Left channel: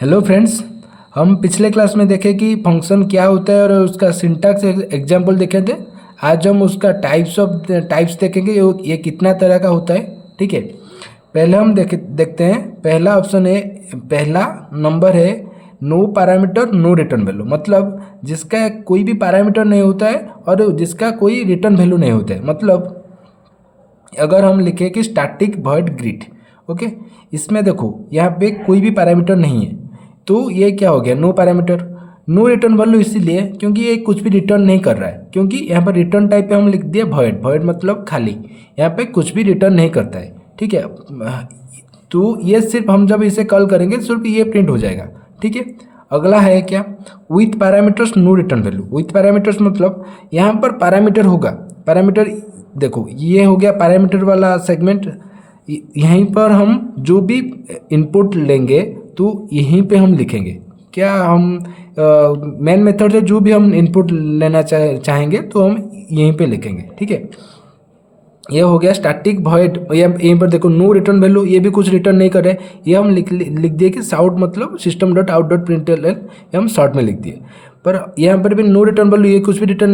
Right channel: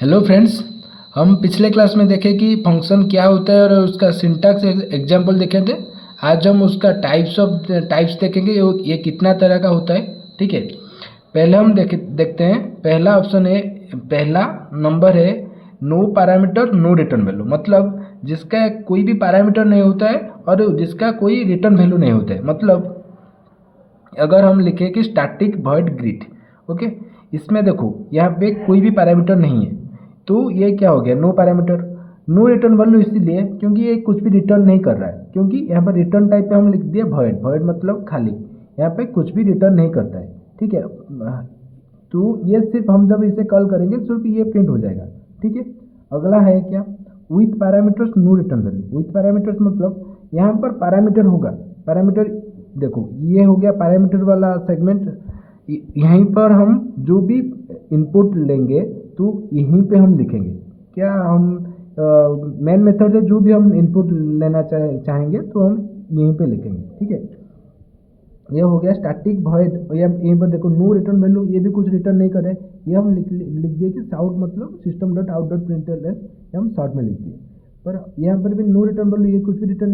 Hello friends. हम पिछले class में देखे कि फंक्शन क्या होता है और उसका सिंटैक्स एग्जांपल देखे थे। आज हम उसका टाइप्स देखेंगे, ये कितना तरह का होता है। ठीक है, पहले हम देखते हैं। पहला ऑप्शन है, पहला नंबर है no parameter no return value, मतलब जिसका कोई भी पैरामीटर नहीं होता है और जिसका कोई रिटर्न वैल्यू नहीं होता है। मतलब अगर हम लिखें कि स्टैटिक वॉइड ग्रीट, ओके, इसमें देखो यहाँ पे कोई भी पैरामीटर नहीं है, तो ये क्या हो गया, no parameter no return value, इसीलिए क्योंकि ये कुछ भी रिटर्न नहीं कर रहा है। क्योंकि यहाँ पर रिटर्न टाइप पे हम लिख दिए वॉइड, वॉइड मतलब खाली, यहाँ पे कुछ भी रिटर्न नहीं करता है। ठीक है, तो ये सिर्फ हम जब इसे कॉल करेंगे सिर्फ ये प्रिंट हो जाएगा। ठीक है, अगला है क्या, with parameters no return value. With parameters मतलब यहाँ पर पैरामीटर होगा, पैरामीटर देखो ये हो गया पैरामीटर वाला सेगमेंट। यहीं पर हम जो भी इनपुट लेंगे तो यहीं पे हम लिखेंगे क्या, हम मेन मेथड से जो भी हम इनपुट लेना चाहेंगे तो हम यहीं पे लिखेंगे। ठीक है, ये हो गया स्टैटिक वॉइड। यहीं पर देखो नो रिटर्न वैल्यू, ये भी कुछ रिटर्न नहीं कर रहे, ये हम लिख दिए कि शाउट मतलब सिस्टम डॉट आउट डॉट प्रिंटल, ये हम शॉर्ट में लिख दिए। पर यहाँ पर भी नो रिटर्न वैल्यू, ये कुछ भी रिटर्न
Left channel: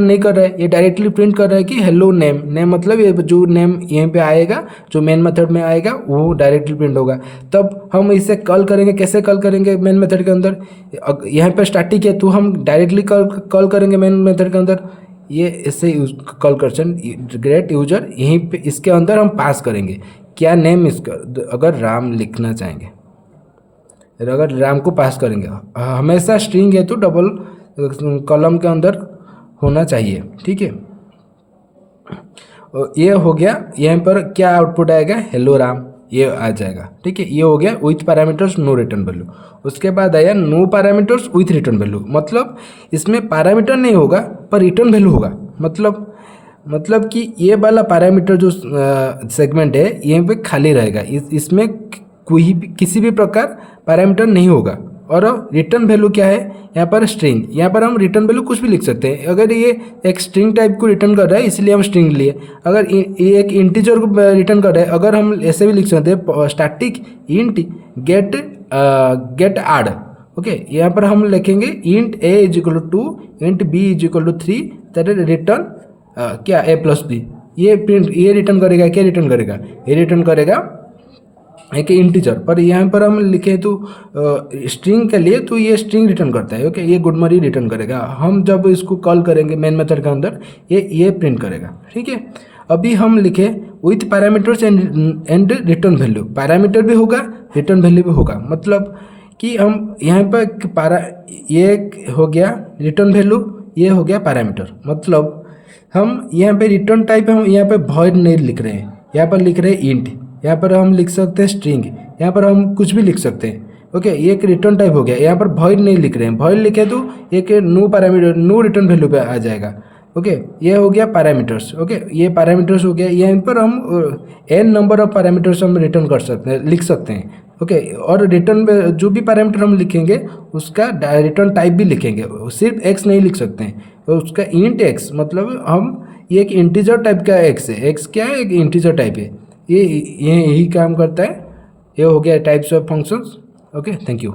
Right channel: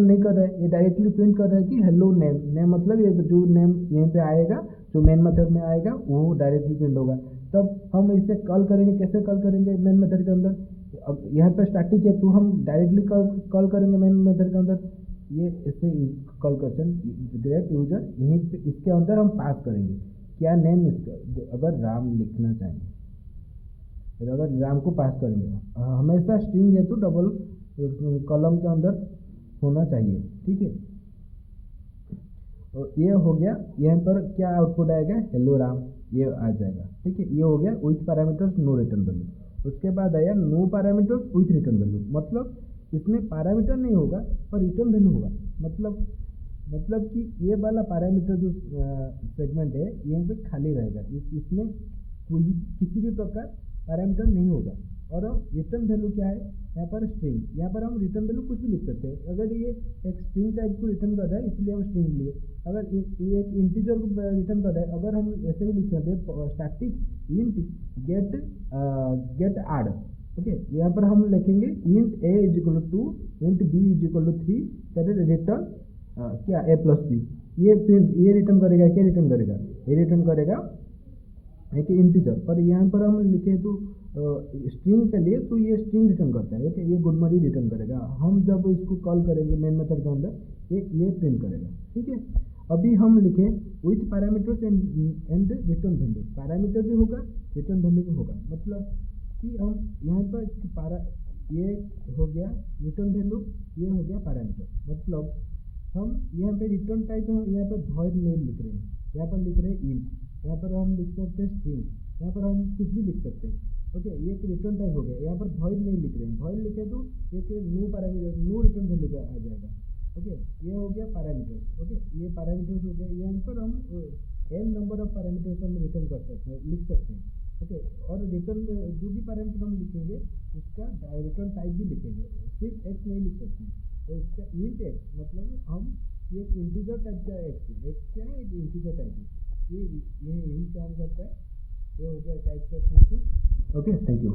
नहीं कर रहा है, ये डायरेक्टली प्रिंट कर रहा है कि हेलो नेम। नेम मतलब ये जो नेम यहीं पे आएगा, जो मेन मेथड में आएगा वो डायरेक्टली प्रिंट होगा। तब हम इसे कॉल करेंगे, कैसे कॉल करेंगे मेन मेथड के अंदर, यहाँ पर स्टैटिक है तो हम डायरेक्टली कॉल करेंगे मेन मेथड के अंदर। ये ऐसे कॉल करसन ग्रेट यूजर, यहीं पे इसके अंदर हम पास करेंगे क्या नेम, इसका अगर राम लिखना चाहेंगे, अगर राम को पास करेंगे, हमेशा स्ट्रिंग है तो डबल कॉलम के अंदर होना चाहिए। ठीक है, ये हो गया। यहाँ पर क्या आउटपुट आएगा, हेलो राम, ये आ जाएगा। ठीक है, ये हो गया with parameters no return value. उसके बाद आया no parameters with return value, मतलब इसमें पैरामीटर नहीं होगा पर रिटर्न वैल्यू होगा। मतलब कि ये वाला पैरामीटर जो सेगमेंट है यहाँ पे खाली रहेगा, इसमें कोई भी किसी भी प्रकार पैरामीटर नहीं होगा। और रिटर्न वैल्यू क्या है, यहाँ पर स्ट्रिंग, यहाँ पर हम रिटर्न वैल्यू कुछ भी लिख सकते हैं। अगर ये एक स्ट्रिंग टाइप को रिटर्न कर रहा है इसलिए हम स्ट्रिंग लिए, अगर ये एक इंटीजर को रिटर्न कर रहा है, अगर हम ऐसे भी लिख सकते हैं static int get add. Okay, यहाँ पर हम लिखेंगे int a is equal to int b is equal to 3, that return क्या a प्लस बी। ये प्रिंट, ये रिटर्न करेगा, क्या रिटर्न करेगा, ये रिटर्न करेगा एक इंटीजर। पर यहाँ पर हम लिखे तो स्ट्रिंग के लिए, तो ये स्ट्रिंग रिटर्न करता है। ओके, ये गुडमरी रिटर्न करेगा। हम जब इसको कॉल करेंगे मेन मेथड के अंदर ये प्रिंट करेगा। ठीक है, अभी हम लिखे with parameters and return value, parameter भी होगा रिटर्न वैल्यू भी होगा। मतलब कि हम यहाँ पर ये हो गया रिटर्न वैल्यू, ये हो गया पैरामीटर। मतलब हम यहाँ पे रिटर्न टाइप हम यहाँ पे वॉइड नहीं लिख रहे हैं, यहाँ पर लिख रहे हैं इंट, यहाँ पर हम लिख सकते हैं स्ट्रिंग, यहाँ पर हम कुछ भी लिख सकते हैं। ओके, ये एक रिटर्न टाइप हो गया। यहाँ पर वॉइड नहीं लिख रहे हैं, वॉइड लिखे तो एक no parameter no return value पे आ जाएगा। ओके, ये हो गया पैरामीटर्स। ओके, ये पैरामीटर्स हो गया। यहाँ पर हम एन नंबर ऑफ पैरामीटर्स हम रिटर्न कर सकते हैं, लिख सकते हैं। ओके, और रिटर्न जो भी पैरामीटर हम लिखेंगे उसका रिटर्न टाइप भी लिखेंगे, सिर्फ एक्स नहीं लिख सकते हैं। तो उसका इंट एक्स मतलब हम ये एक इंटीजर टाइप का एक्स है, एक्स क्या है, एक इंटीजर टाइप है। ये यही काम करता है। ये हो गया types of functions. Okay, thank you.